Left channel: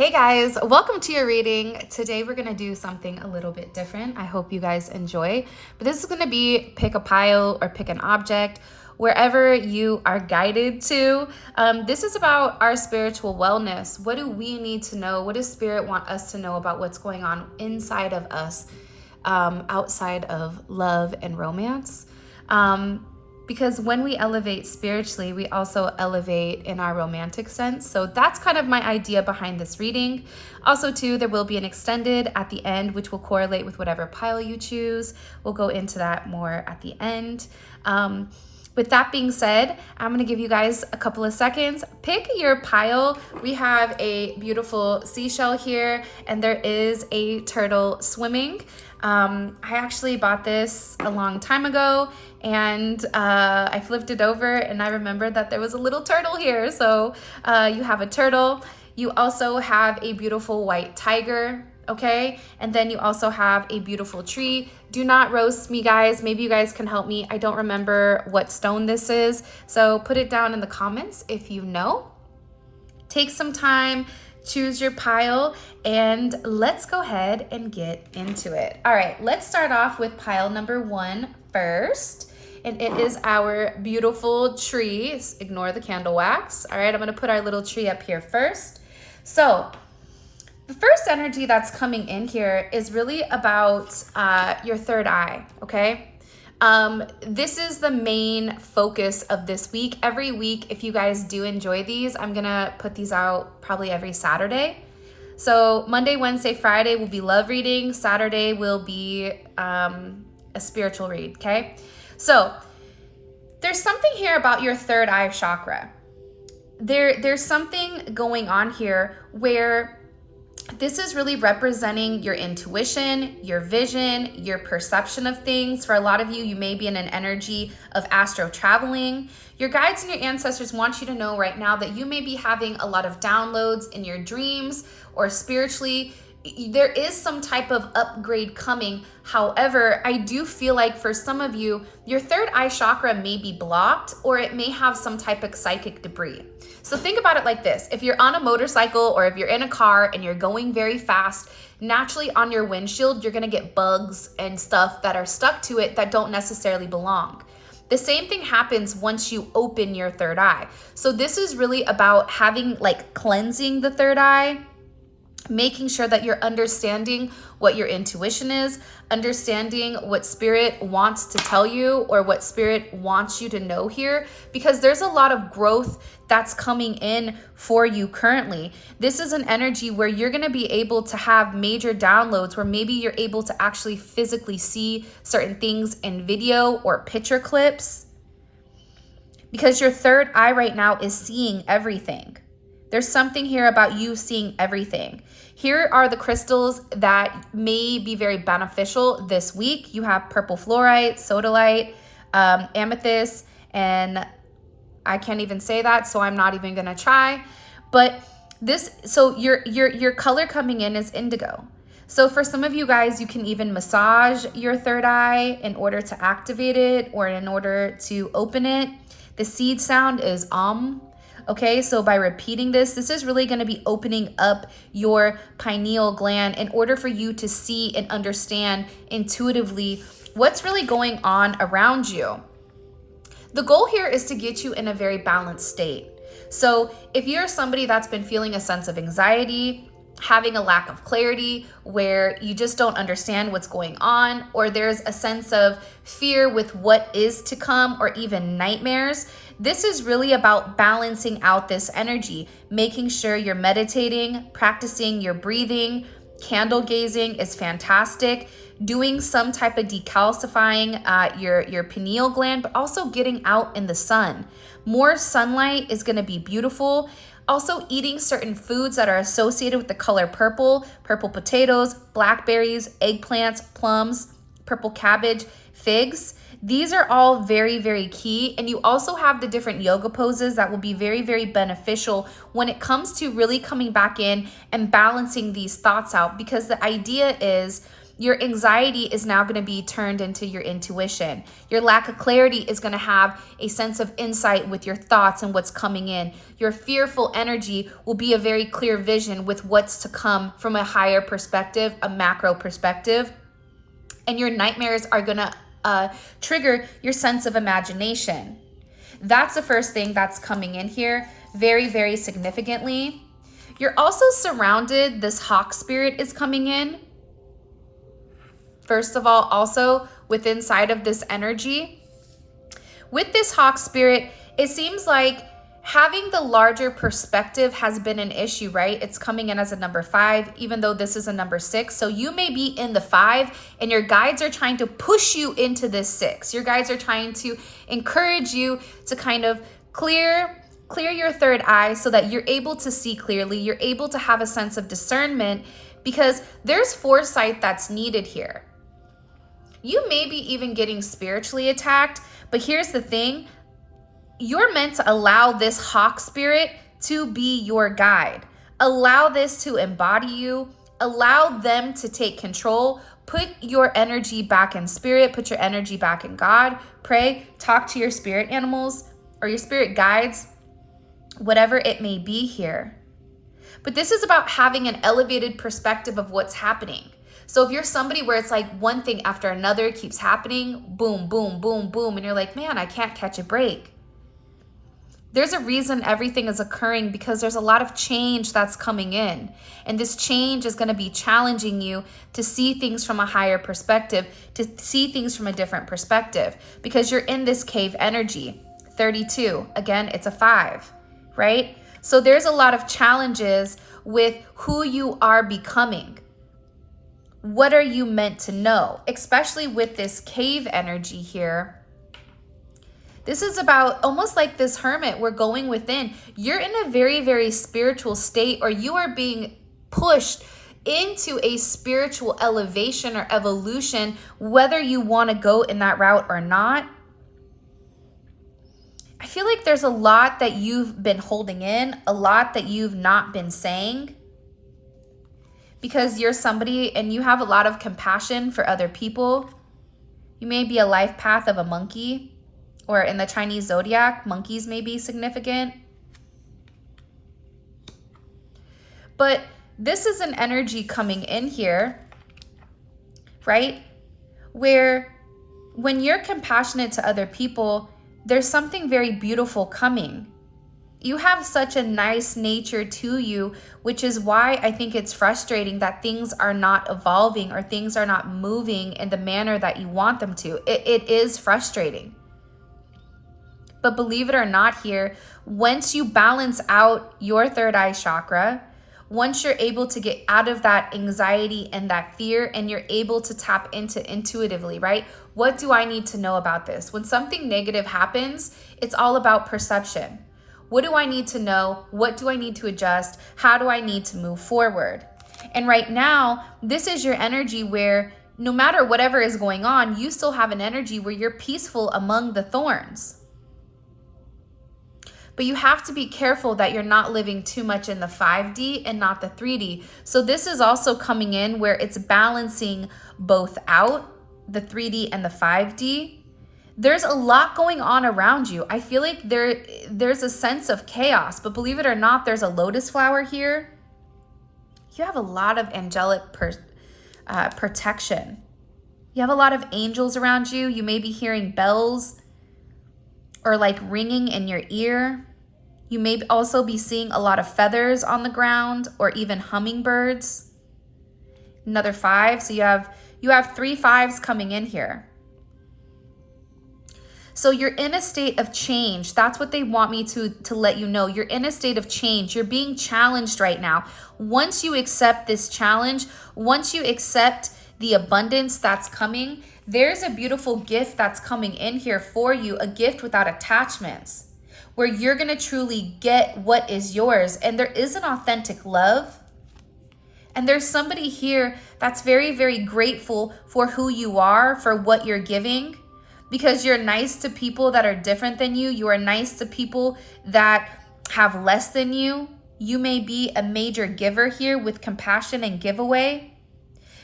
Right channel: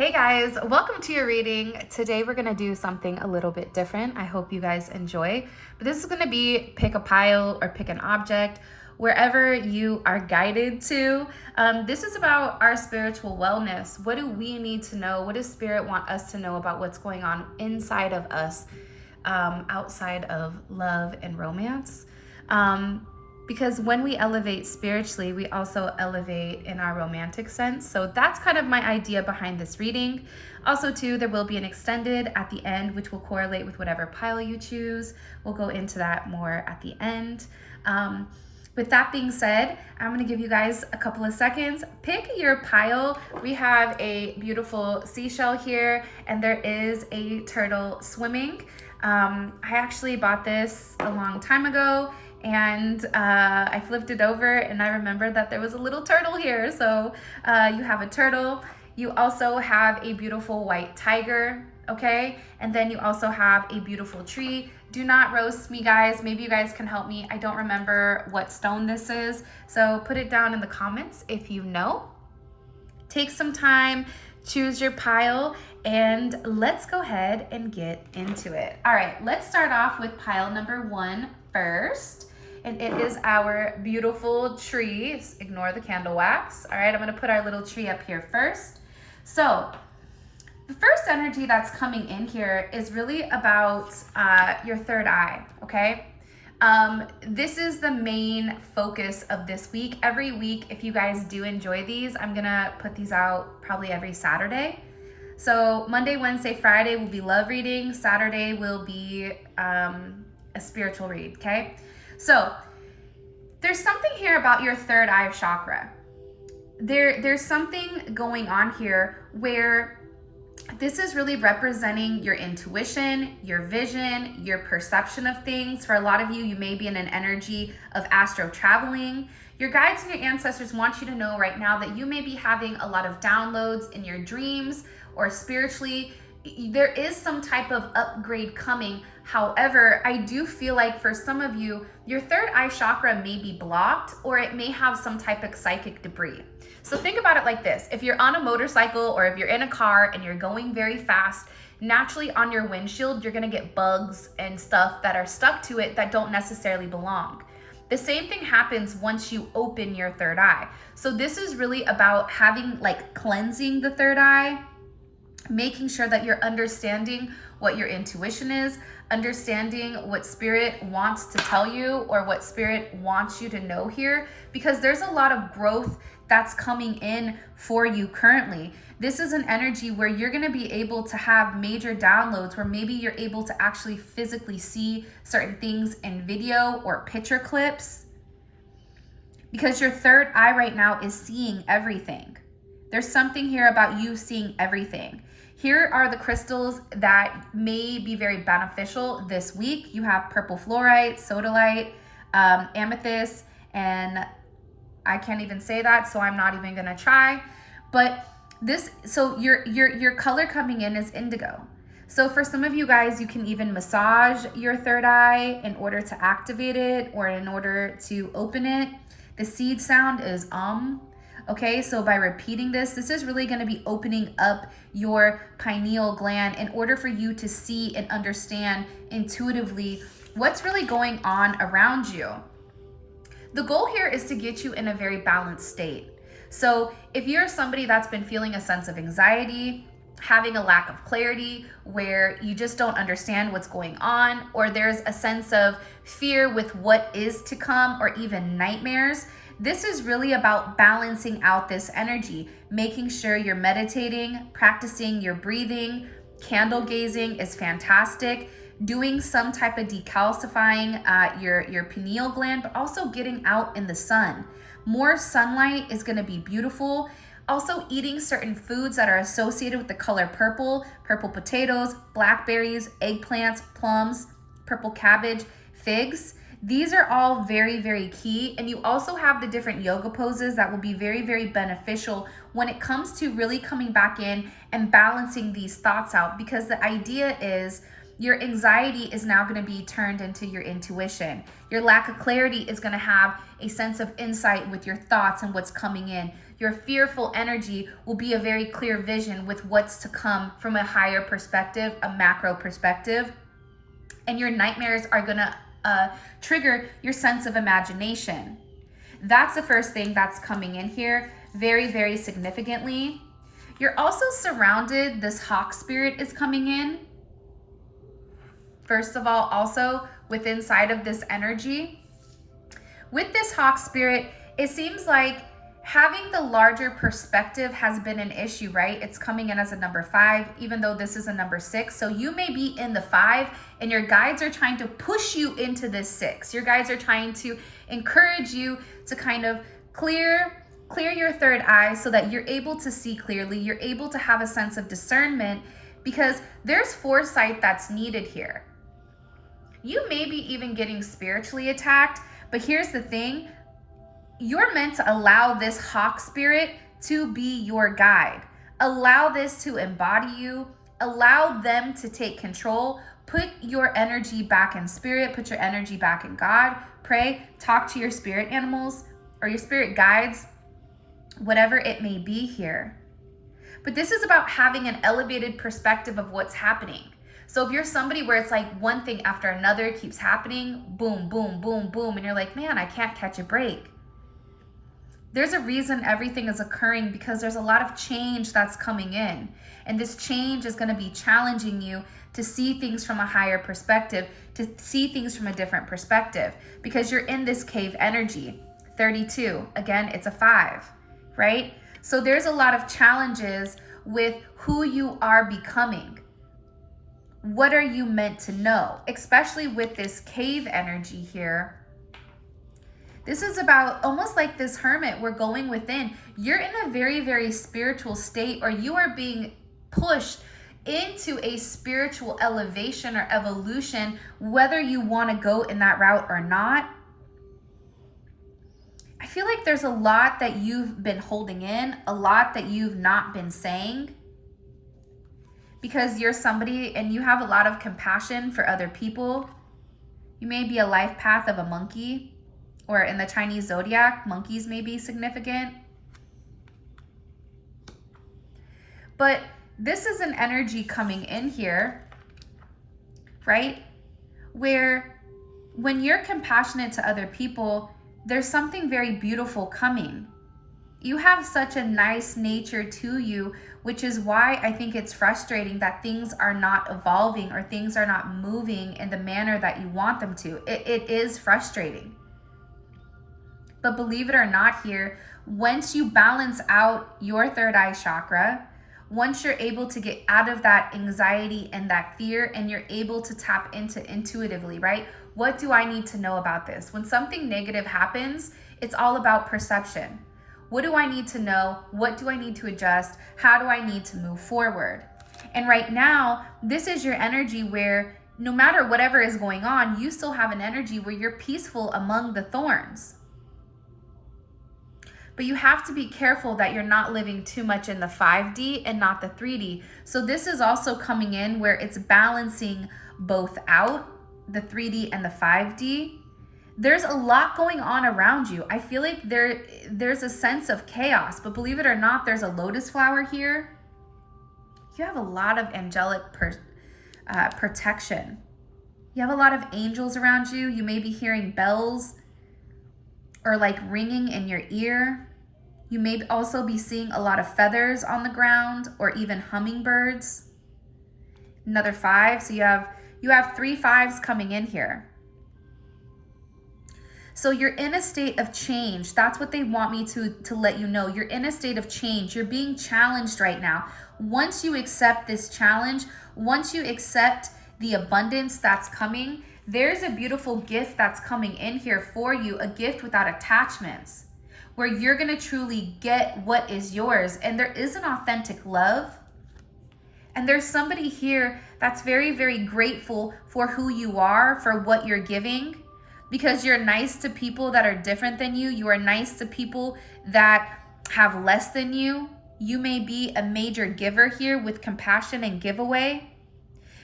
Hey guys, welcome to your reading. Today we're gonna do something a little bit different. I hope you guys enjoy. But this is gonna be pick a pile or pick an object, wherever you are guided to. This is about our spiritual wellness. What do we need to know? What does Spirit want us to know about what's going on inside of us, outside of love and romance? Because when we elevate spiritually, we also elevate in our romantic sense. So that's kind of my idea behind this reading. Also, too, there will be an extended at the end, which will correlate with whatever pile you choose. We'll go into that more at the end. With that being said, I'm gonna give you guys a couple of seconds. Pick your pile. We have a beautiful seashell here, and there is a turtle swimming. I actually bought this a long time ago, and I flipped it over and I remembered that there was a little turtle here. So you have a turtle. You also have a beautiful white tiger, okay? And then you also have a beautiful tree. Do not roast me, guys. Maybe you guys can help me. I don't remember what stone this is. So put it down in the comments if you know. Take some time, choose your pile, and let's go ahead and get into it. All right, let's start off with pile number 1 first. And it is our beautiful tree. Ignore the candle wax. All right, I'm gonna put our little tree up here first. So the first energy that's coming in here is really about your third eye, okay? This is the main focus of this week. Every week, if you guys do enjoy these, I'm gonna put these out probably every Saturday. So Monday, Wednesday, Friday will be love reading. Saturday will be a spiritual read, okay? So there's something here about your third eye chakra. There's something going on here where this is really representing your intuition, your vision, your perception of things. For a lot of you, you may be in an energy of astro traveling. Your guides and your ancestors want you to know right now that you may be having a lot of downloads in your dreams or spiritually. There is some type of upgrade coming. However, I do feel like for some of you, your third eye chakra may be blocked, or it may have some type of psychic debris. So think about it like this. If you're on a motorcycle or if you're in a car and you're going very fast, naturally on your windshield, you're gonna get bugs and stuff that are stuck to it that don't necessarily belong. The same thing happens once you open your third eye. So this is really about having, like, cleansing the third eye, making sure that you're understanding what your intuition is, understanding what Spirit wants to tell you or what Spirit wants you to know here, because there's a lot of growth that's coming in for you currently. This is an energy where you're going to be able to have major downloads, where maybe you're able to actually physically see certain things in video or picture clips, because your third eye right now is seeing everything. There's something here about you seeing everything. Here are the crystals that may be very beneficial this week. You have purple fluorite, sodalite, amethyst, and I can't even say that, so I'm not even gonna try. But this, so your color coming in is indigo. So for some of you guys, you can even massage your third eye in order to activate it or in order to open it. The seed sound is Okay, so by repeating this is really going to be opening up your pineal gland in order for you to see and understand intuitively what's really going on around you. The goal here is to get you in a very balanced state. So if you're somebody that's been feeling a sense of anxiety, having a lack of clarity, where you just don't understand what's going on, or there's a sense of fear with what is to come, or even nightmares, this is really about balancing out this energy, making sure you're meditating, practicing your breathing. Candle gazing is fantastic. Doing some type of decalcifying your pineal gland, but also getting out in the sun. More sunlight is gonna be beautiful. Also eating certain foods that are associated with the color purple, purple potatoes, blackberries, eggplants, plums, purple cabbage, figs. These are all very, very key. And you also have the different yoga poses that will be very, very beneficial when it comes to really coming back in and balancing these thoughts out. Because the idea is Your anxiety is now going to be turned into your intuition. Your lack of clarity is going to have a sense of insight with your thoughts and what's coming in. Your fearful energy will be a very clear vision with what's to come from a higher perspective, a macro perspective. And your nightmares are going to trigger your sense of imagination. That's the first thing that's coming in here very, very significantly. You're also surrounded, this hawk spirit is coming in. First of all, also with inside of this energy. With this hawk spirit, it seems like having the larger perspective has been an issue, right? It's coming in as a number 5, even though this is a number 6. So you may be in the 5 and your guides are trying to push you into this 6. Your guides are trying to encourage you to kind of clear your third eye so that you're able to see clearly. You're able to have a sense of discernment because there's foresight that's needed here. You may be even getting spiritually attacked, but here's the thing. You're meant to allow this hawk spirit to be your guide. Allow this to embody you. Allow them to take control. Put your energy back in spirit. Put your energy back in God. Pray. Talk to your spirit animals or your spirit guides, whatever it may be here. But this is about having an elevated perspective of what's happening. So if you're somebody where it's like one thing after another keeps happening, boom, boom, boom, boom, and you're like, man, I can't catch a break. There's a reason everything is occurring because there's a lot of change that's coming in. And this change is going to be challenging you to see things from a higher perspective, to see things from a different perspective, because you're in this cave energy. 32, again, it's a 5, right? So there's a lot of challenges with who you are becoming. What are you meant to know? Especially with this cave energy here. This is about almost like this hermit. We're going within. You're in a very, very spiritual state, or you are being pushed into a spiritual elevation or evolution, whether you want to go in that route or not. I feel like there's a lot that you've been holding in, a lot that you've not been saying, because you're somebody and you have a lot of compassion for other people. You may be a life path of a monkey, or in the Chinese Zodiac, monkeys may be significant. But this is an energy coming in here, right? Where when you're compassionate to other people, there's something very beautiful coming. You have such a nice nature to you, which is why I think it's frustrating that things are not evolving or things are not moving in the manner that you want them to. It is frustrating. But believe it or not here, once you balance out your third eye chakra, once you're able to get out of that anxiety and that fear, and you're able to tap into intuitively, right? What do I need to know about this? When something negative happens, it's all about perception. What do I need to know? What do I need to adjust? How do I need to move forward? And right now, this is your energy where no matter whatever is going on, you still have an energy where you're peaceful among the thorns. But you have to be careful that you're not living too much in the 5D and not the 3D. So this is also coming in where it's balancing both out, the 3D and the 5D. There's a lot going on around you. I feel like there's a sense of chaos, but believe it or not, there's a lotus flower here. You have a lot of angelic protection. You have a lot of angels around you. You may be hearing bells or like ringing in your ear. You may also be seeing a lot of feathers on the ground or even hummingbirds. Another 5. So you have 3 5s coming in here. So you're in a state of change. That's what they want me to let you know. You're in a state of change. You're being challenged right now. Once you accept this challenge, once you accept the abundance that's coming, there's a beautiful gift that's coming in here for you, a gift without attachments, where you're going to truly get what is yours. And there is an authentic love. And there's somebody here that's very, very grateful for who you are, for what you're giving, because you're nice to people that are different than you. You are nice to people that have less than you. You may be a major giver here with compassion and giveaway.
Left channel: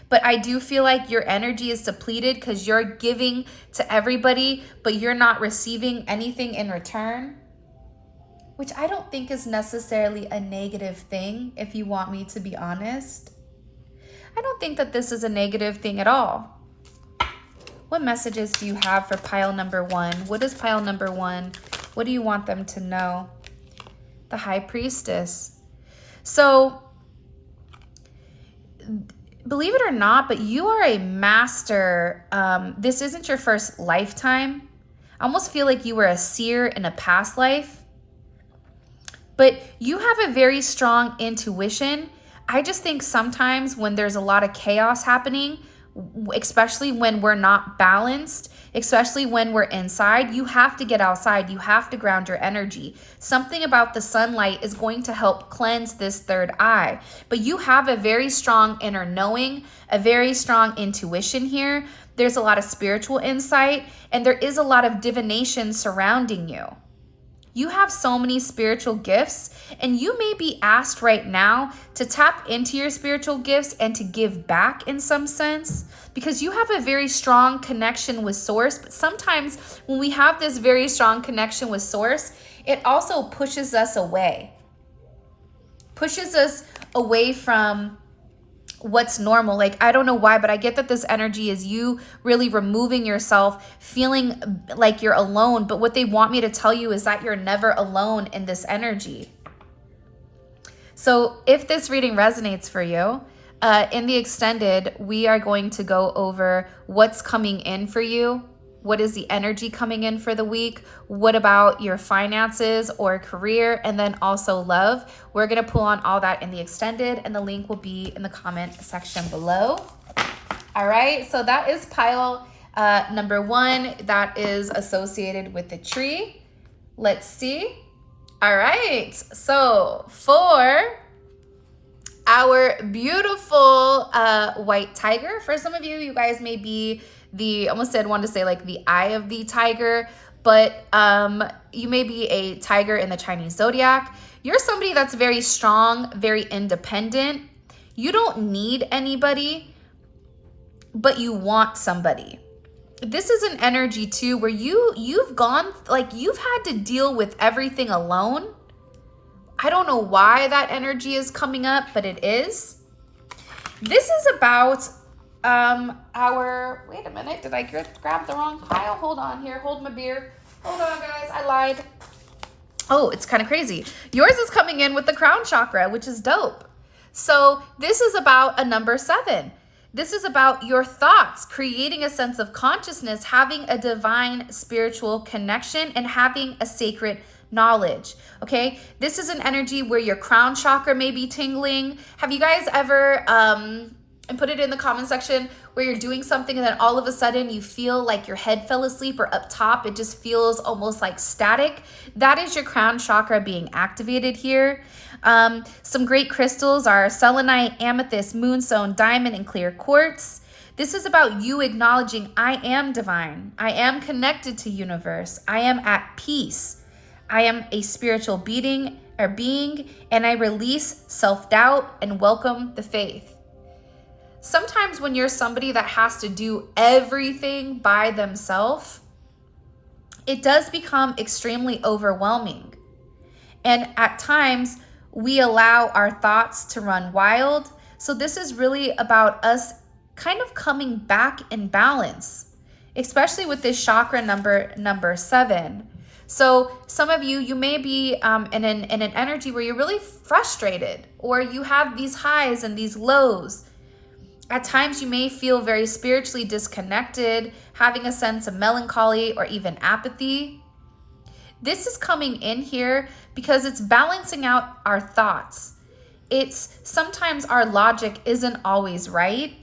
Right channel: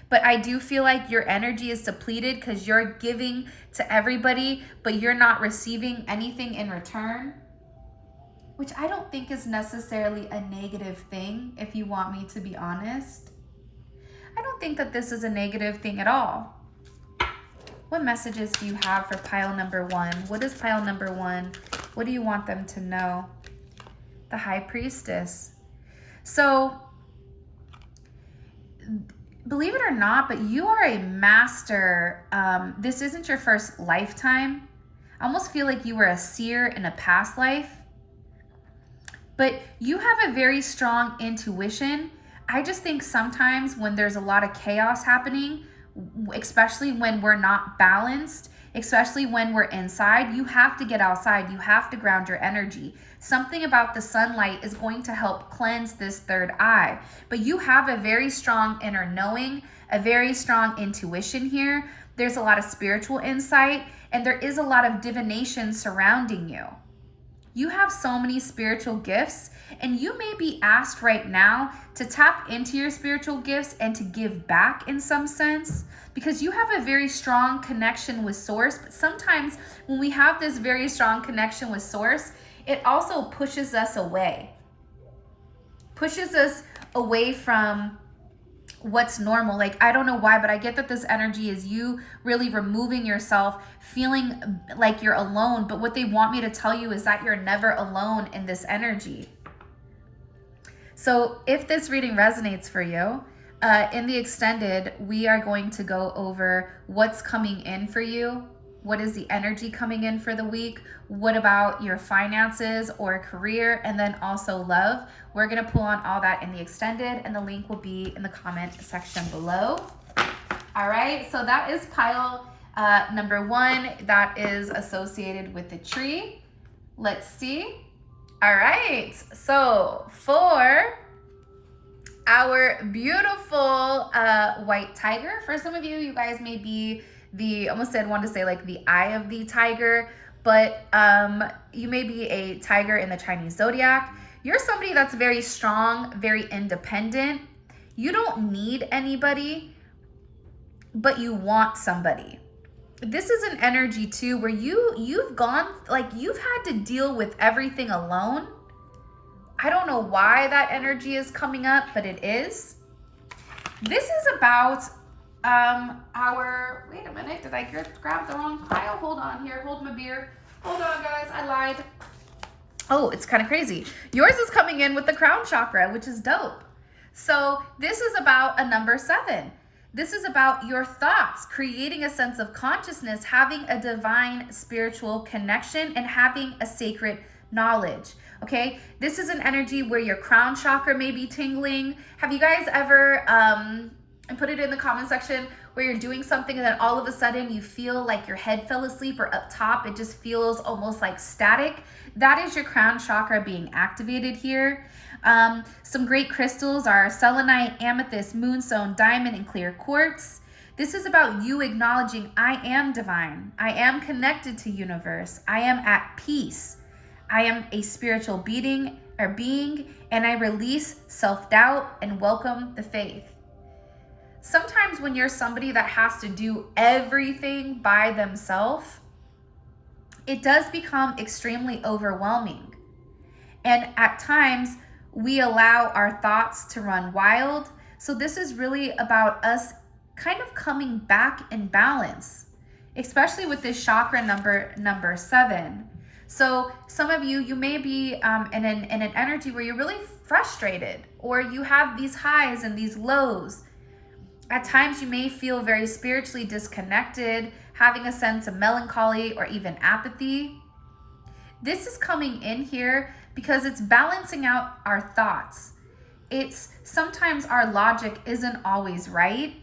But I do feel like your energy is depleted because you're giving to everybody, but you're not receiving anything in return, which I don't think is necessarily a negative thing, if you want me to be honest. I don't think that this is a negative thing at all. What messages do you have for pile number 1? What is pile number 1? What do you want them to know? The High Priestess. So, believe it or not, but you are a master. This isn't your first lifetime. I almost feel like you were a seer in a past life. But you have a very strong intuition. I just think sometimes when there's a lot of chaos happening, especially when we're not balanced, especially when we're inside, you have to get outside. You have to ground your energy. Something about the sunlight is going to help cleanse this third eye. But you have a very strong inner knowing, a very strong intuition here. There's a lot of spiritual insight, and there is a lot of divination surrounding you. You have so many spiritual gifts, and you may be asked right now to tap into your spiritual gifts and to give back in some sense, because you have a very strong connection with Source. But sometimes when we have this very strong connection with Source, it also pushes us away from what's normal. Like, I don't know why, but I get that this energy is you really removing yourself, feeling like you're alone. But what they want me to tell you is that you're never alone in this energy. So if this reading resonates for you, in the extended, we are going to go over what's coming in for you. What is the energy coming in for the week? What about your finances or career? And then also love. We're going to pull on all that in the extended, and the link will be in the comment section below. All right, so that is pile number 1 that is associated with the tree. Let's see. All right, so for our beautiful white tiger, for some of you, you guys may be wanted to say like the eye of the tiger, but you may be a tiger in the Chinese Zodiac. You're somebody that's very strong, very independent. You don't need anybody, but you want somebody. This is an energy too where you've gone, like, you've had to deal with everything alone. I don't know why that energy is coming up, but it is. This is about wait a minute, did I grab the wrong pile? Hold on here, hold my beer. Hold on, guys, I lied. Oh, it's kind of crazy. Yours is coming in with the crown chakra, which is dope. So this is about a number 7. This is about your thoughts, creating a sense of consciousness, having a divine spiritual connection, and having a sacred knowledge. Okay, this is an energy where your crown chakra may be tingling. Have you guys ever and put it in the comment section where you're doing something and then all of a sudden you feel like your head fell asleep, or up top it just feels almost like static? That is your crown chakra being activated here. Some great crystals are selenite, amethyst, moonstone, diamond, and clear quartz. This is about you acknowledging, I am divine. I am connected to universe. I am at peace. I am a spiritual being, and I release self-doubt and welcome the faith. Sometimes when you're somebody that has to do everything by themselves, it does become extremely overwhelming. And at times, we allow our thoughts to run wild. So this is really about us kind of coming back in balance, especially with this chakra number 7. So some of you may be in an energy where you're really frustrated, or you have these highs and these lows. At times you may feel very spiritually disconnected, having a sense of melancholy or even apathy. This is coming in here because it's balancing out our thoughts. It's sometimes our logic isn't always right.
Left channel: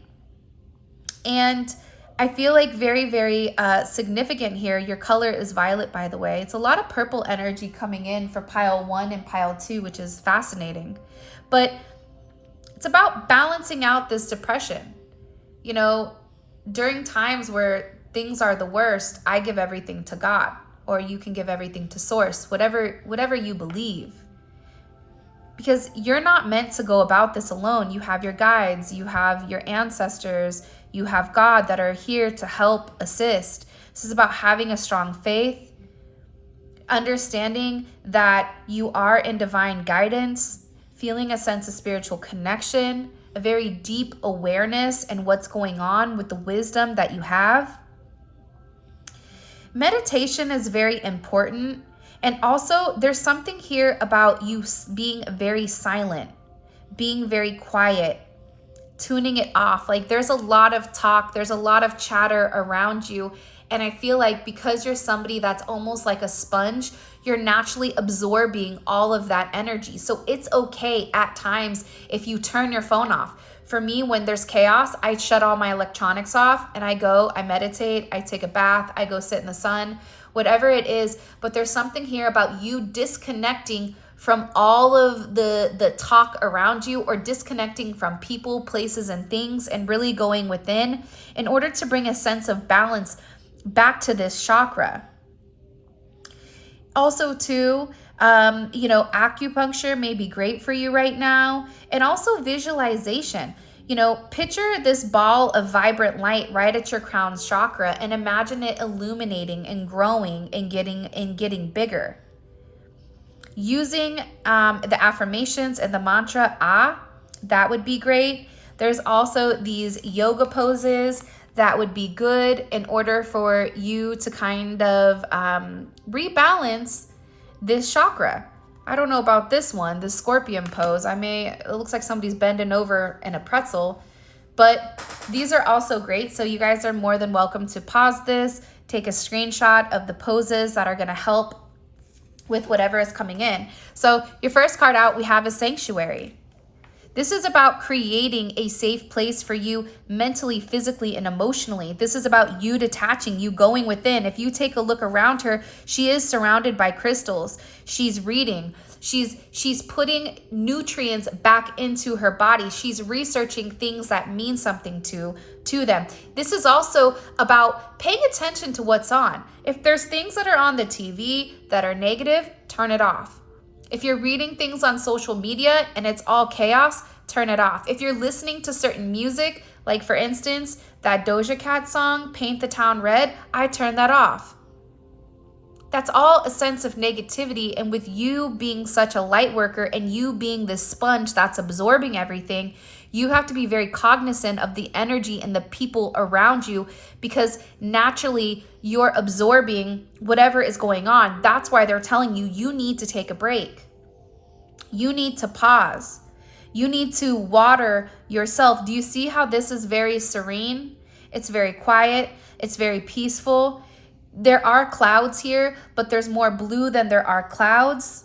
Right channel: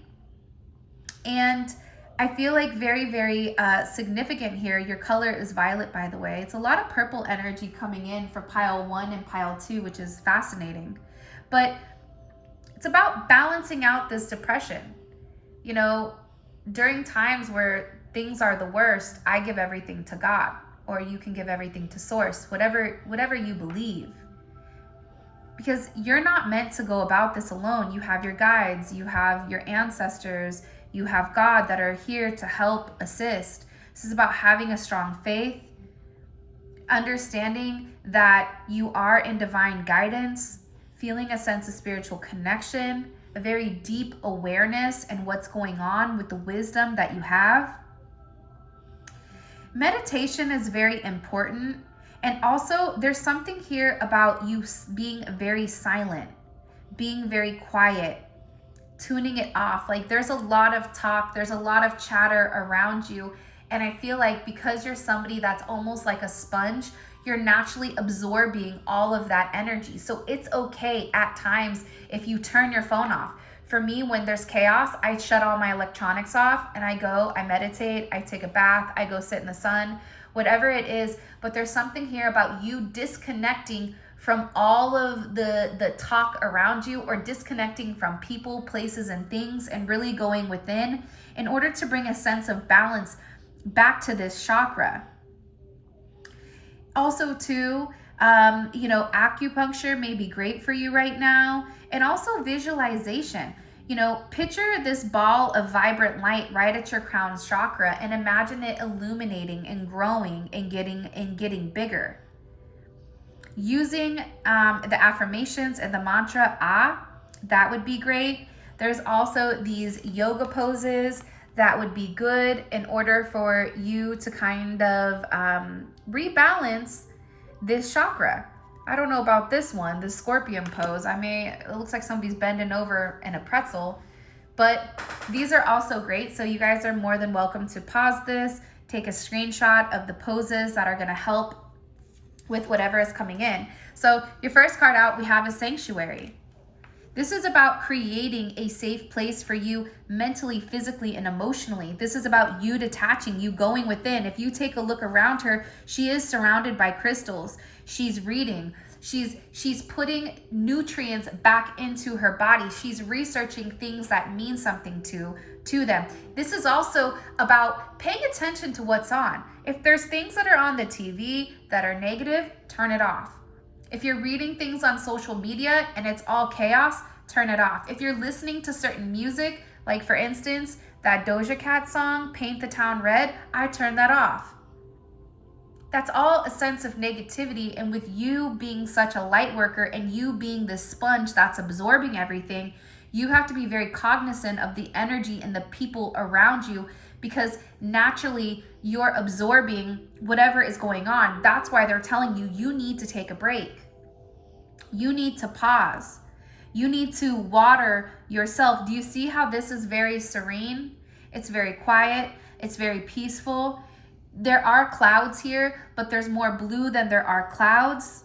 And I feel like very, very significant here. Your color is violet, by the way. It's a lot of purple energy coming in for pile 1 and pile 2, which is fascinating. But it's about balancing out this depression. You know, during times where things are the worst, I give everything to God, or you can give everything to Source, whatever you believe. because you're not meant to go about this alone. You have your guides, you have your ancestors, you have God that are here to help assist. This is about having a strong faith, understanding that you are in divine guidance, feeling a sense of spiritual connection, a very deep awareness and what's going on with the wisdom that you have. Meditation is very important. And also, there's something here about you being very silent, being very quiet, tuning it off. Like, there's a lot of talk, there's a lot of chatter around you. And I feel like because you're somebody that's almost like a sponge, you're naturally absorbing all of that energy. So it's okay at times if you turn your phone off. For me, when there's chaos, I shut all my electronics off and I meditate, I take a bath, I go sit in the sun, whatever it is. But there's something here about you disconnecting from all of the talk around you, or disconnecting from people, places, and things, and really going within in order to bring a sense of balance back to this chakra. Also too, acupuncture may be great for you right now. And also visualization. Picture this ball of vibrant light right at your crown chakra and imagine it illuminating and growing and getting bigger. Using the affirmations and the mantra, that would be great. There's also these yoga poses that would be good in order for you to kind of rebalance this chakra. I don't know about this one, the scorpion pose. It looks like somebody's bending over in a pretzel, but these are also great. So you guys are more than welcome to pause this, take a screenshot of the poses that are gonna help with whatever is coming in. So your first card out, we have a sanctuary. This is about creating a safe place for you mentally, physically, and emotionally. This is about you detaching, you going within. If you take a look around her, she is surrounded by crystals. She's reading. She's putting nutrients back into her body. She's researching things that mean something to them. This is also about paying attention to what's on. If there's things that are on the TV that are negative, turn it off. If you're reading things on social media and it's all chaos, turn it off. If you're listening to certain music, like for instance, that Doja Cat song, Paint the Town Red, I turn that off. That's all a sense of negativity. And with you being such a light worker and you being this sponge that's absorbing everything, you have to be very cognizant of the energy and the people around you, because naturally you're absorbing whatever is going on. That's why they're telling you, you need to take a break. You need to pause. You need to water yourself. Do you see how this is very serene? It's very quiet. It's very peaceful. There are clouds here, but there's more blue than there are clouds.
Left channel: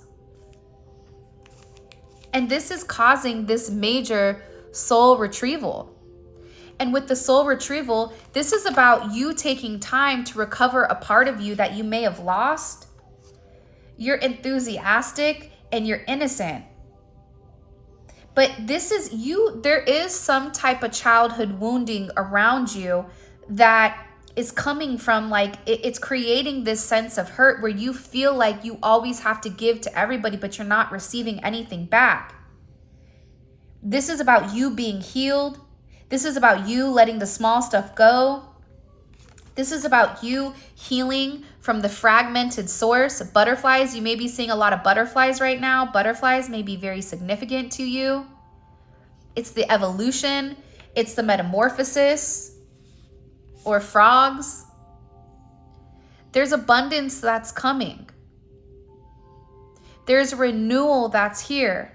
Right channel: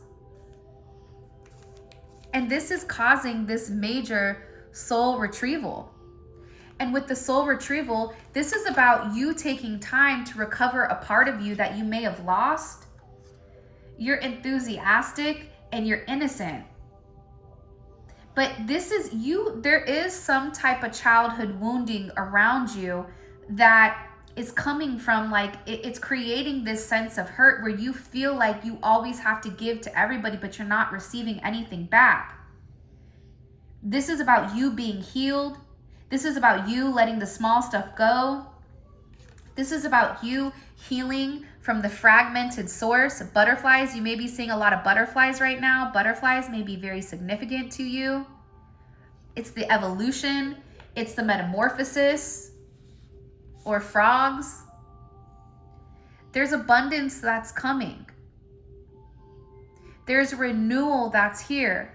And this is causing this major soul retrieval. And with the soul retrieval, this is about you taking time to recover a part of you that you may have lost. You're enthusiastic and you're innocent. But this is you, there is some type of childhood wounding around you that is coming from, like, it's creating this sense of hurt where you feel like you always have to give to everybody, but you're not receiving anything back. This is about you being healed. This is about you letting the small stuff go. This is about you healing from the fragmented source. Butterflies, you may be seeing a lot of butterflies right now. Butterflies may be very significant to you. It's the evolution. It's the metamorphosis. Or frogs. There's abundance that's coming. There's renewal that's here.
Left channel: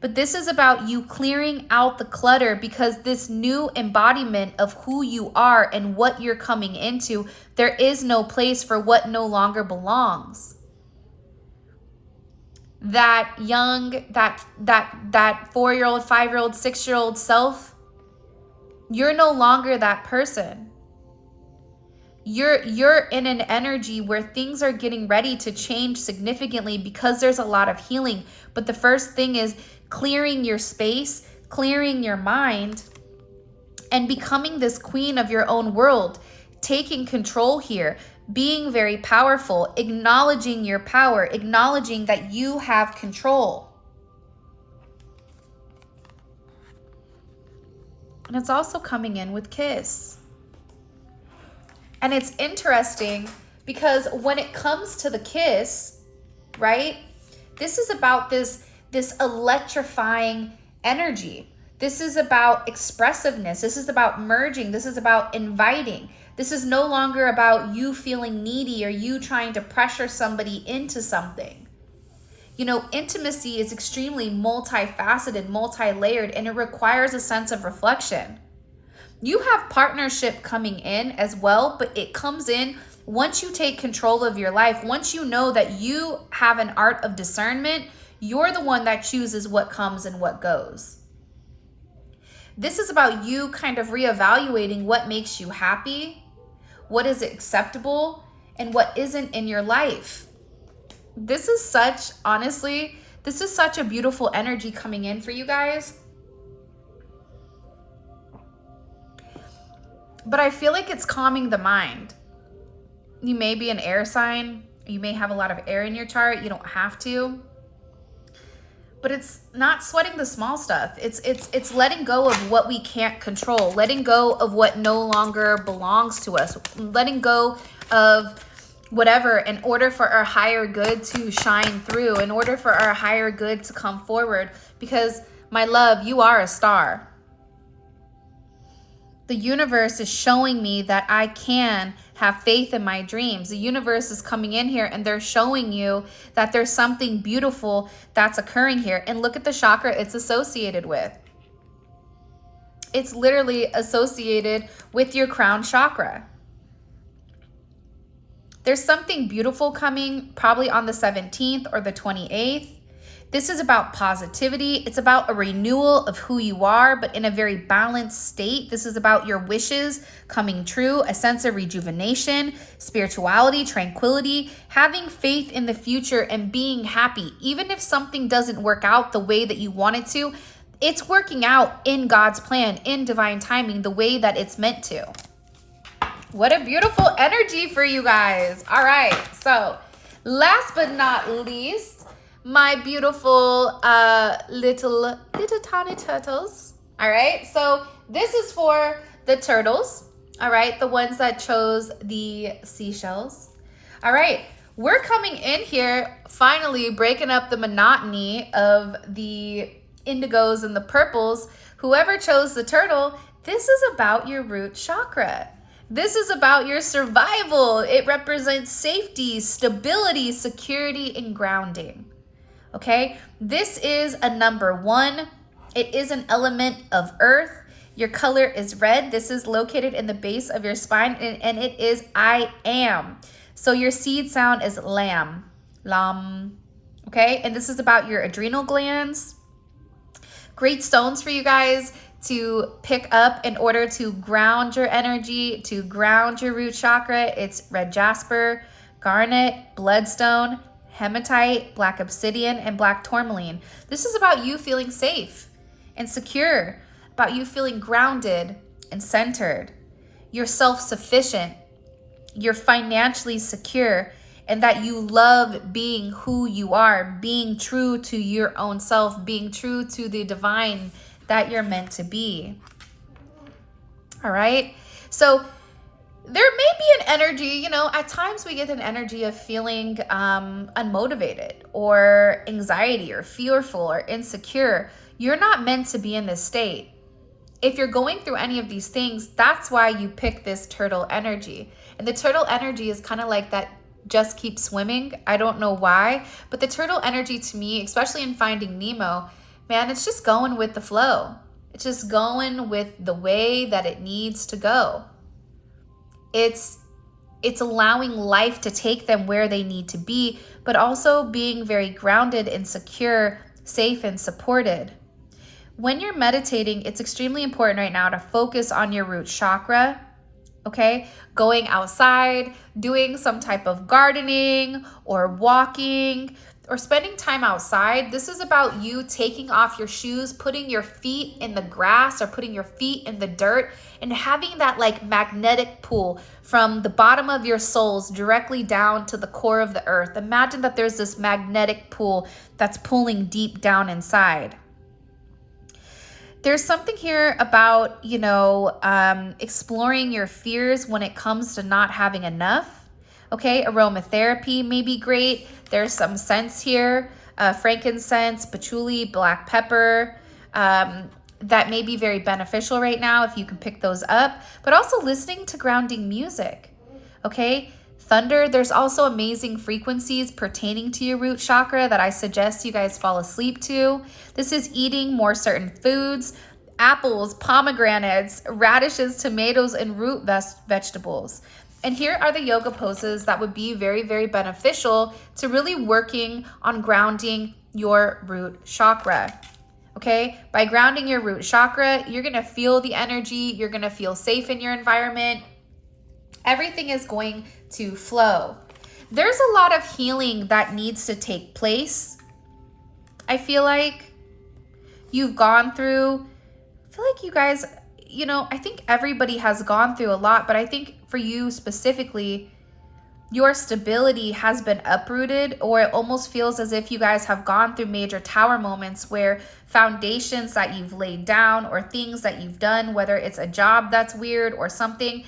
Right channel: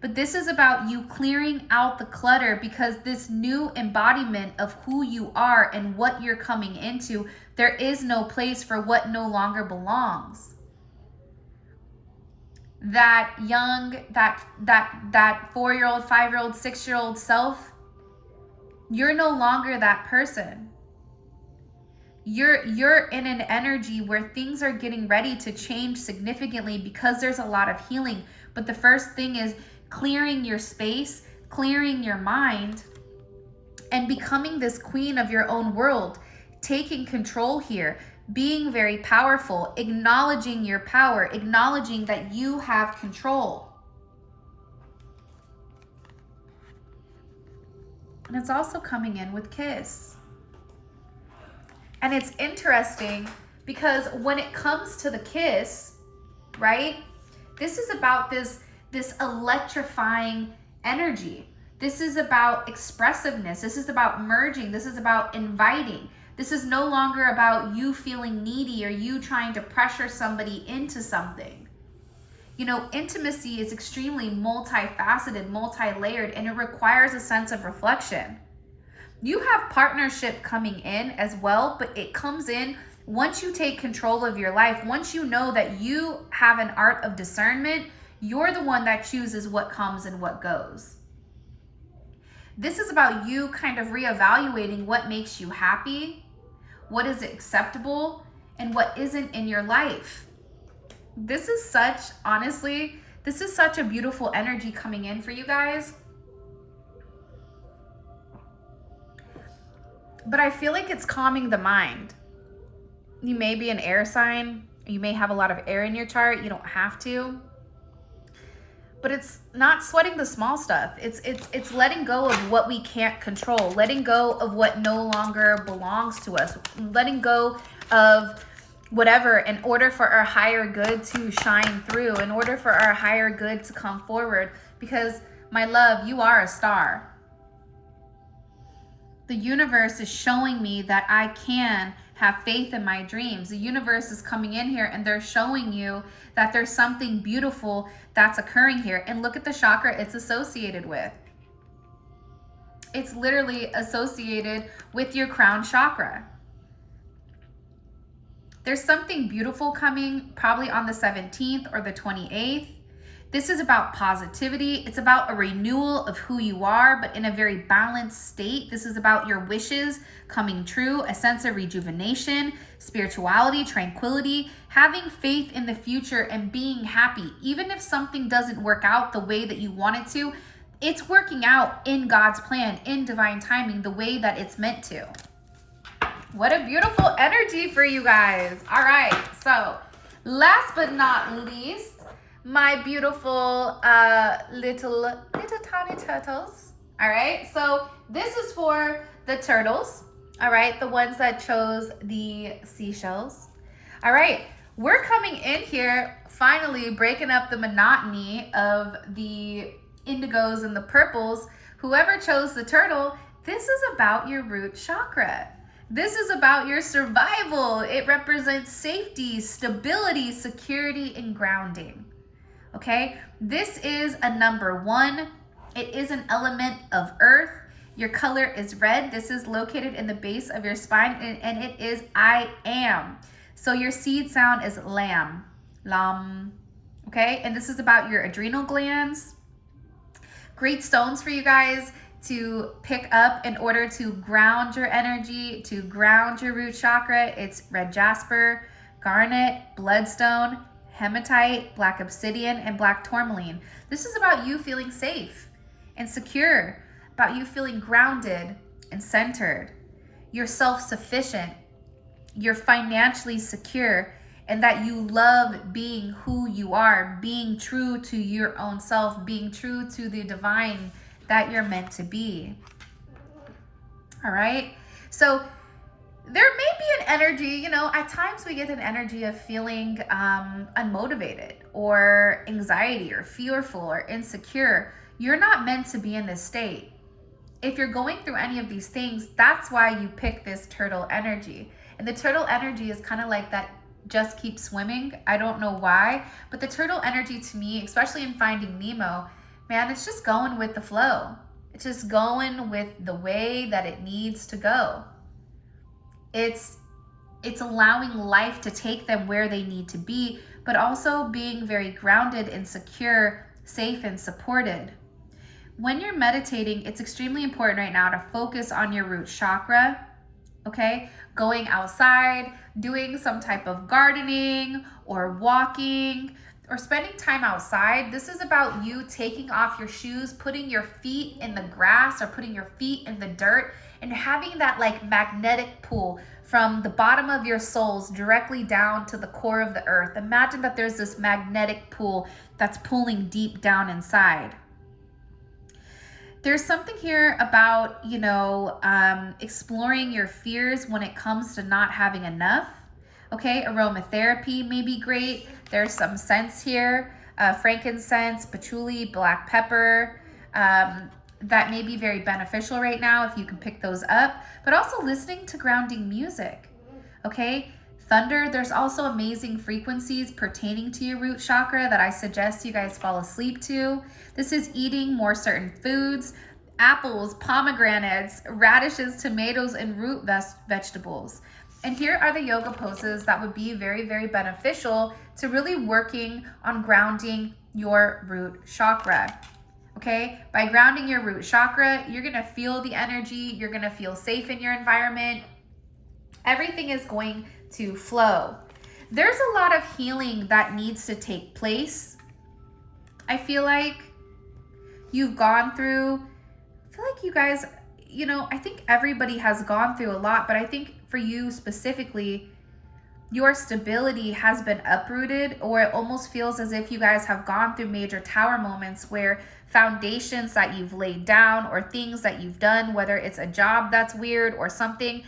But this is about you clearing out the clutter, because this new embodiment of who you are and what you're coming into, there is no place for what no longer belongs. That young, that 4-year-old, 5-year-old, 6-year-old self, you're no longer that person. You're in an energy where things are getting ready to change significantly, because there's a lot of healing. But the first thing is clearing your space, clearing your mind, and becoming this queen of your own world, taking control here, being very powerful, acknowledging your power, acknowledging that you have control. And it's also coming in with kiss. And it's interesting because when it comes to the kiss, right? This is about this electrifying energy. This is about expressiveness. This is about merging. This is about inviting. This is no longer about you feeling needy or you trying to pressure somebody into something. You know, intimacy is extremely multifaceted, multi-layered, and it requires a sense of reflection. You have partnership coming in as well, but it comes in once you take control of your life. Once you know that you have an art of discernment, you're the one that chooses what comes and what goes. This is about you kind of reevaluating what makes you happy, what is acceptable, and what isn't in your life. This is such, honestly, this is such a beautiful energy coming in for you guys. But I feel like it's calming the mind. You may be an air sign. You may have a lot of air in your chart. You don't have to. But it's not sweating the small stuff. It's letting go of what we can't control. Letting go of what no longer belongs to us. Letting go of whatever in order for our higher good to shine through. In order for our higher good to come forward. Because, my love, you are a star. The universe is showing me that I can have faith in my dreams. The universe is coming in here and they're showing you that there's something beautiful that's occurring here. And look at the chakra it's associated with. It's literally associated with your crown chakra. There's something beautiful coming probably on the 17th or the 28th. This is about positivity. It's about a renewal of who you are, but in a very balanced state. This is about your wishes coming true, a sense of rejuvenation, spirituality, tranquility, having faith in the future and being happy. Even if something doesn't work out the way that you want it to, it's working out in God's plan, in divine timing, the way that it's meant to. What a beautiful energy for you guys. All right, so last but not least, my beautiful little tiny turtles. All right, so this is for the turtles. All right, the ones that chose the seashells. All right, we're coming in here finally breaking up the monotony of the indigos and the purples. Whoever chose the turtle, this is about your root chakra. This is about your survival. It represents safety, stability, security, and grounding. Okay, this is a number 1. It is an element of earth. Your color is red. This is located in the base of your spine, and it is I am. So your seed sound is lam, lam. Okay, and this is about your adrenal glands. Great stones for you guys to pick up in order to ground your energy, to ground your root chakra. It's red jasper, garnet, bloodstone, hematite, black obsidian, and black tourmaline. This is about you feeling safe and secure, about you feeling grounded and centered. You're self-sufficient, you're financially secure, and that you love being who you are, being true to your own self, being true to the divine that you're meant to be. All right, so there may be an energy, you know, at times we get an energy of feeling unmotivated or anxiety or fearful or insecure. You're not meant to be in this state. If you're going through any of these things, that's why you pick this turtle energy. And the turtle energy is kind of like that, just keep swimming. I don't know why, but the turtle energy to me, especially in Finding Nemo, man, it's just going with the flow. It's just going with the way that it needs to go. It's allowing life to take them where they need to be, but also being very grounded and secure, safe and supported. When you're meditating, it's extremely important right now to focus on your root chakra, okay? Going outside, doing some type of gardening or walking or spending time outside. This is about you taking off your shoes, putting your feet in the grass or putting your feet in the dirt and having that like magnetic pull from the bottom of your soles directly down to the core of the earth. Imagine that there's this magnetic pull that's pulling deep down inside. There's something here about, you know, exploring your fears when it comes to not having enough. Okay, aromatherapy may be great. There's some scents here, frankincense, patchouli, black pepper, that may be very beneficial right now if you can pick those up, but also listening to grounding music. Okay, thunder, there's also amazing frequencies pertaining to your root chakra that I suggest you guys fall asleep to. This is eating more certain foods, apples, pomegranates, radishes, tomatoes, and root vegetables. And here are the yoga poses that would be very, very beneficial to really working on grounding your root chakra. Okay, by grounding your root chakra, you're gonna feel the energy, you're gonna feel safe in your environment. Everything is going to flow. There's a lot of healing that needs to take place. I feel like you've gone through, I feel like you guys, you know, I think everybody has gone through a lot, but I think for you specifically, your stability has been uprooted, or it almost feels as if you guys have gone through major tower moments where foundations that you've laid down or things that you've done, whether it's a job that's weird or something,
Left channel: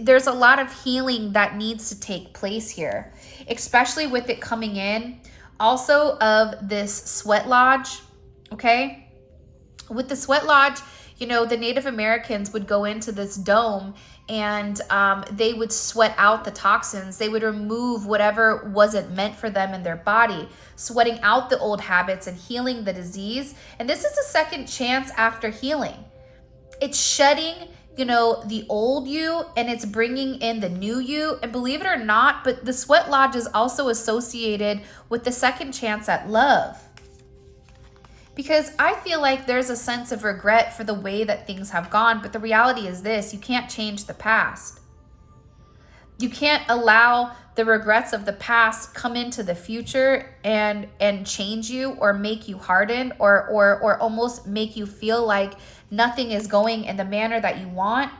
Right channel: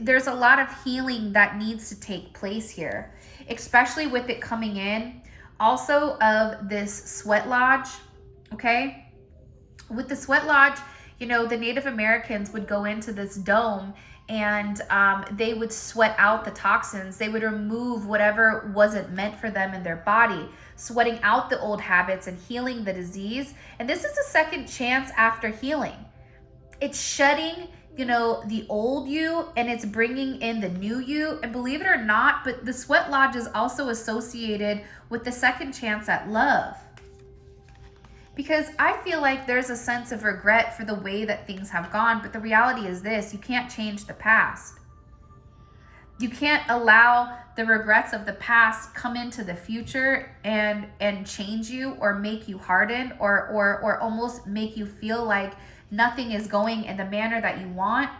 there's a lot of healing that needs to take place here, especially with it coming in also of this sweat lodge. Okay, with the sweat lodge, you know, the Native Americans would go into this dome and they would sweat out the toxins. They would remove whatever wasn't meant for them in their body, sweating out the old habits and healing the disease. And this is a second chance after healing. It's shedding, you know, the old you, and it's bringing in the new you. And believe it or not, but the sweat lodge is also associated with the second chance at love. Because I feel like there's a sense of regret for the way that things have gone, but the reality is this: you can't change the past. You can't allow the regrets of the past come into the future and change you or make you harden or almost make you feel like nothing is going in the manner that you want.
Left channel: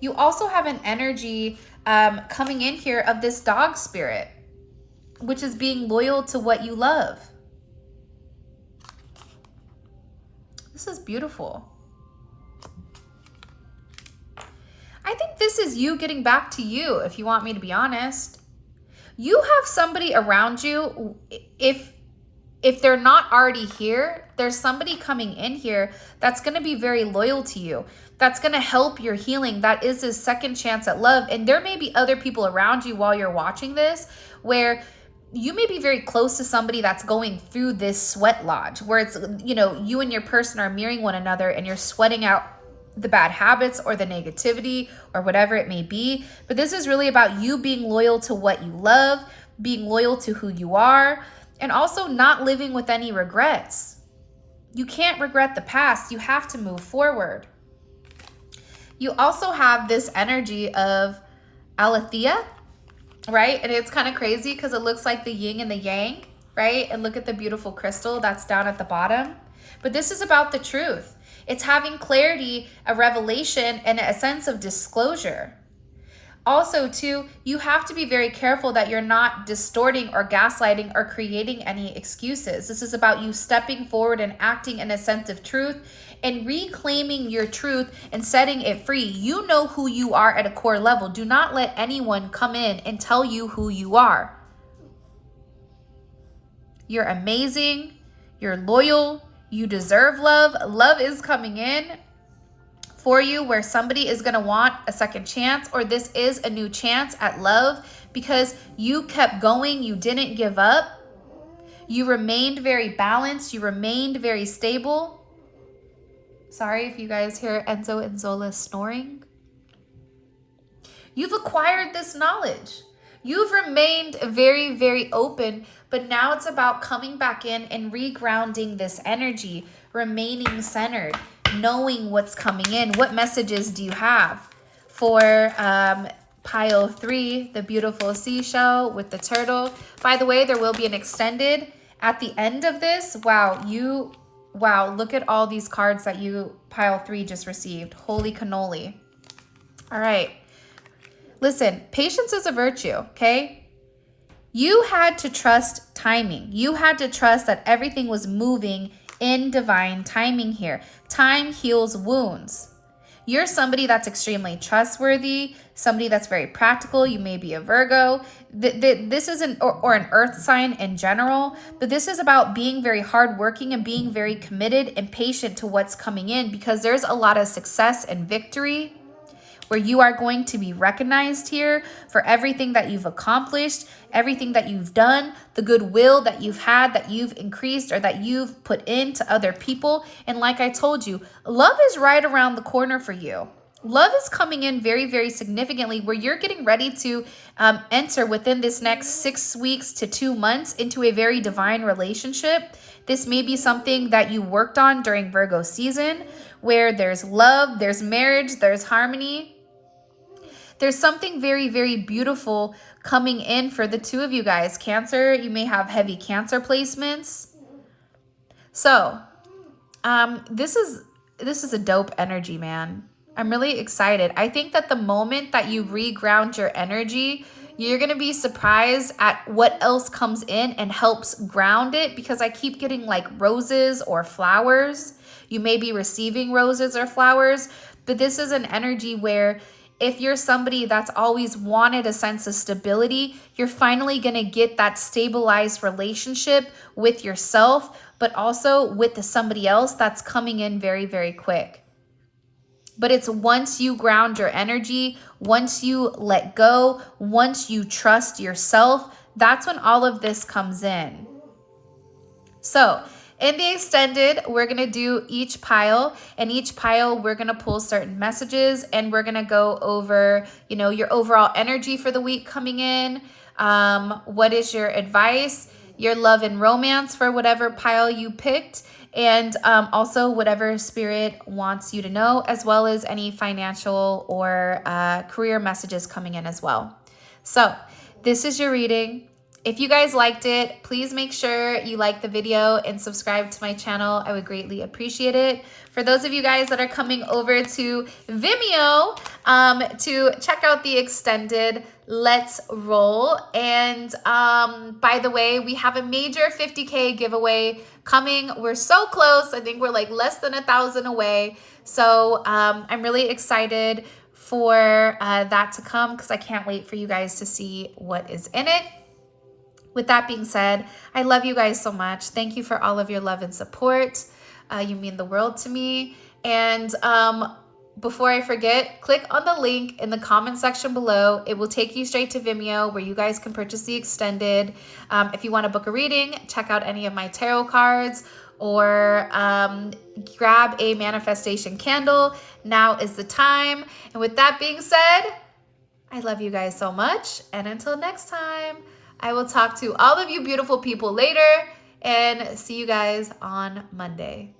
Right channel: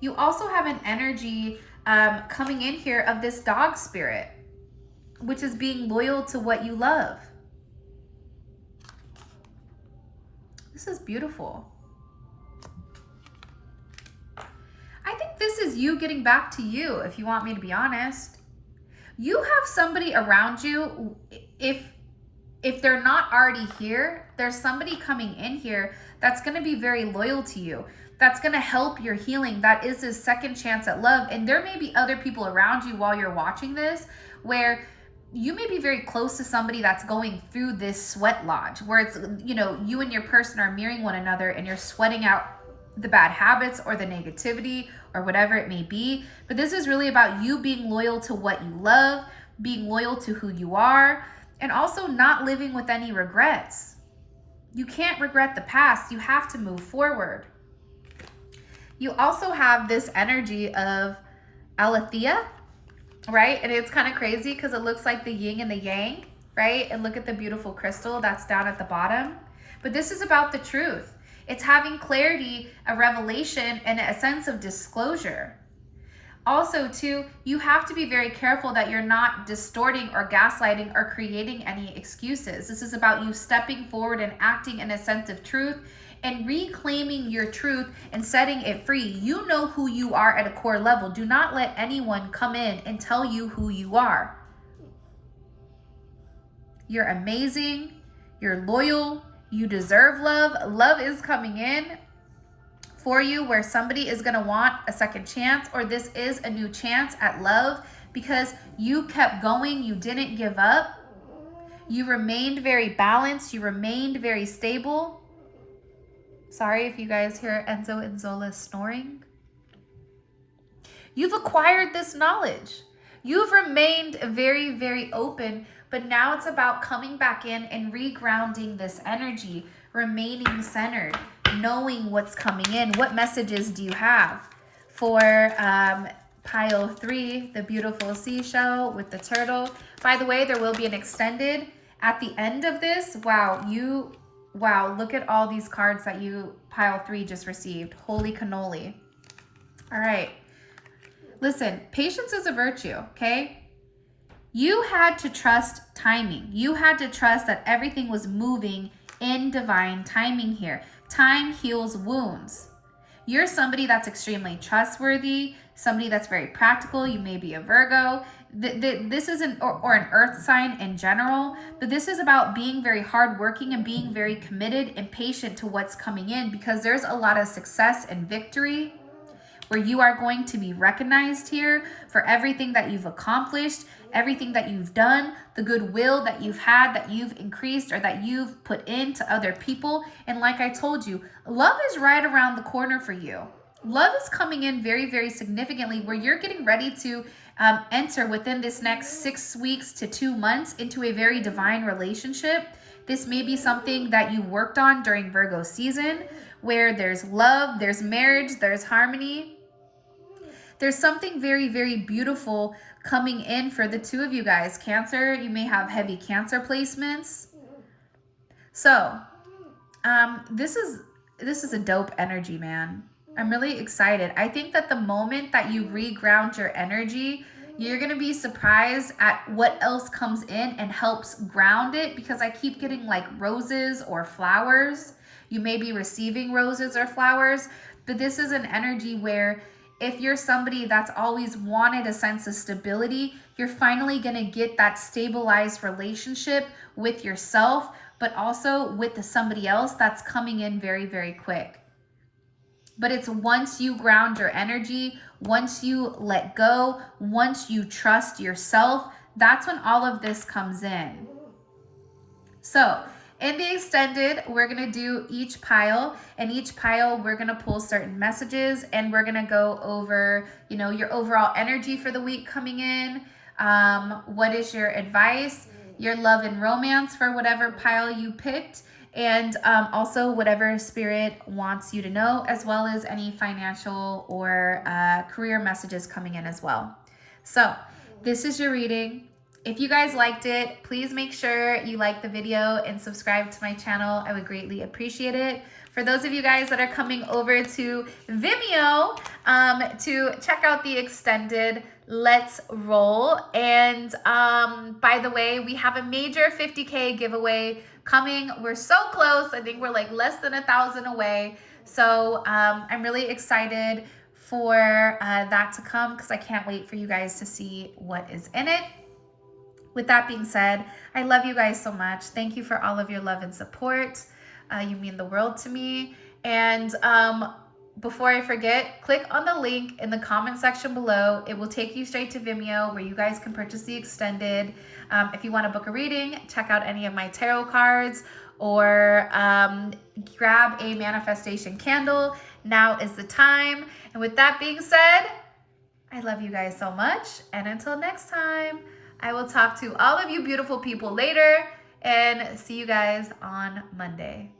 You also have an energy coming in here of this dog spirit, which is being loyal to what you love. This is beautiful. I think this is you getting back to you, if you want me to be honest. You have somebody around you, if they're not already here, there's somebody coming in here that's going to be very loyal to you, that's going to help your healing, that is a second chance at love. And there may be other people around you while you're watching this where you may be very close to somebody that's going through this sweat lodge, where it's, you know, you and your person are mirroring one another and you're sweating out the bad habits or the negativity or whatever it may be. But this is really about you being loyal to what you love, being loyal to who you are, and also not living with any regrets. You can't regret the past. You have to move forward. You also have this energy of Aletheia, right? And it's kind of crazy because it looks like the yin and the yang, right? And look at the beautiful crystal that's down at the bottom. But this is about the truth. It's having clarity, a revelation, and a sense of disclosure. Also, too, you have to be very careful that you're not distorting or gaslighting or creating any excuses. This is about you stepping forward and acting in a sense of truth and reclaiming your truth and setting it free. You know who you are at a core level. Do not let anyone come in and tell you who you are. You're amazing. You're loyal. You deserve love. Love is coming in for you, where somebody is going to want a second chance, or this is a new chance at love because you kept going. You didn't give up. You remained very balanced. You remained very stable. Sorry if you guys hear Enzo and Zola snoring. You've acquired this knowledge. You've remained very, very open, but now it's about coming back in and regrounding this energy, remaining centered, knowing what's coming in. What messages do you have for pile 3, the beautiful seashell with the turtle? By the way, there will be an extended at the end of this. Wow, look at all these cards that you, pile 3, just received. Holy cannoli. All right. Listen, patience is a virtue, okay? You had to trust timing. You had to trust that everything was moving in divine timing here. Time heals wounds. You're somebody that's extremely trustworthy, somebody that's very practical. You may be a Virgo. This isn't, or an earth sign in general, but this is about being very hardworking and being very committed and patient to what's coming in, because there's a lot of success and victory where you are going to be recognized here for everything that you've accomplished, everything that you've done, the goodwill that you've had, that you've increased, or that you've put into other people. And like I told you, love is right around the corner for you. Love is coming in very, very significantly, where you're getting ready to enter within this next 6 weeks to 2 months into a very divine relationship. This may be something that you worked on during Virgo season, where there's love, there's marriage, there's harmony. There's something very, very beautiful coming in for the two of you guys. Cancer, you may have heavy Cancer placements. So this is a dope energy, man. I'm really excited. I think that the moment that you reground your energy, you're going to be surprised at what else comes in and helps ground it, because I keep getting like roses or flowers. You may be receiving roses or flowers, but this is an energy where if you're somebody that's always wanted a sense of stability, you're finally going to get that stabilized relationship with yourself, but also with somebody else that's coming in very, very quick. But it's once you ground your energy, once you let go, once you trust yourself, that's when all of this comes in. So in the extended, we're going to do each pile, and each pile we're going to pull certain messages, and we're going to go over, you know, your overall energy for the week coming in. What is your advice, your love and romance for whatever pile you picked, and also whatever spirit wants you to know, as well as any financial or career messages coming in as well. So this is your reading. If you guys liked it, please make sure you like the video and subscribe to my channel. I would greatly appreciate it. For those of you guys that are coming over to Vimeo to check out the extended, let's roll. And by the way, we have a major 50K giveaway coming. We're so close. I think we're like less than 1,000 away. So I'm really excited for that to come, because I can't wait for you guys to see what is in it. With that being said, I love you guys so much. Thank you for all of your love and support. You mean the world to me. And before I forget, click on the link in the comment section below. It will take you straight to Vimeo, where you guys can purchase the extended. If you want to book a reading, check out any of my tarot cards, or grab a manifestation candle. Now is the time. And with that being said, I love you guys so much. And until next time, I will talk to all of you beautiful people later, and see you guys on Monday.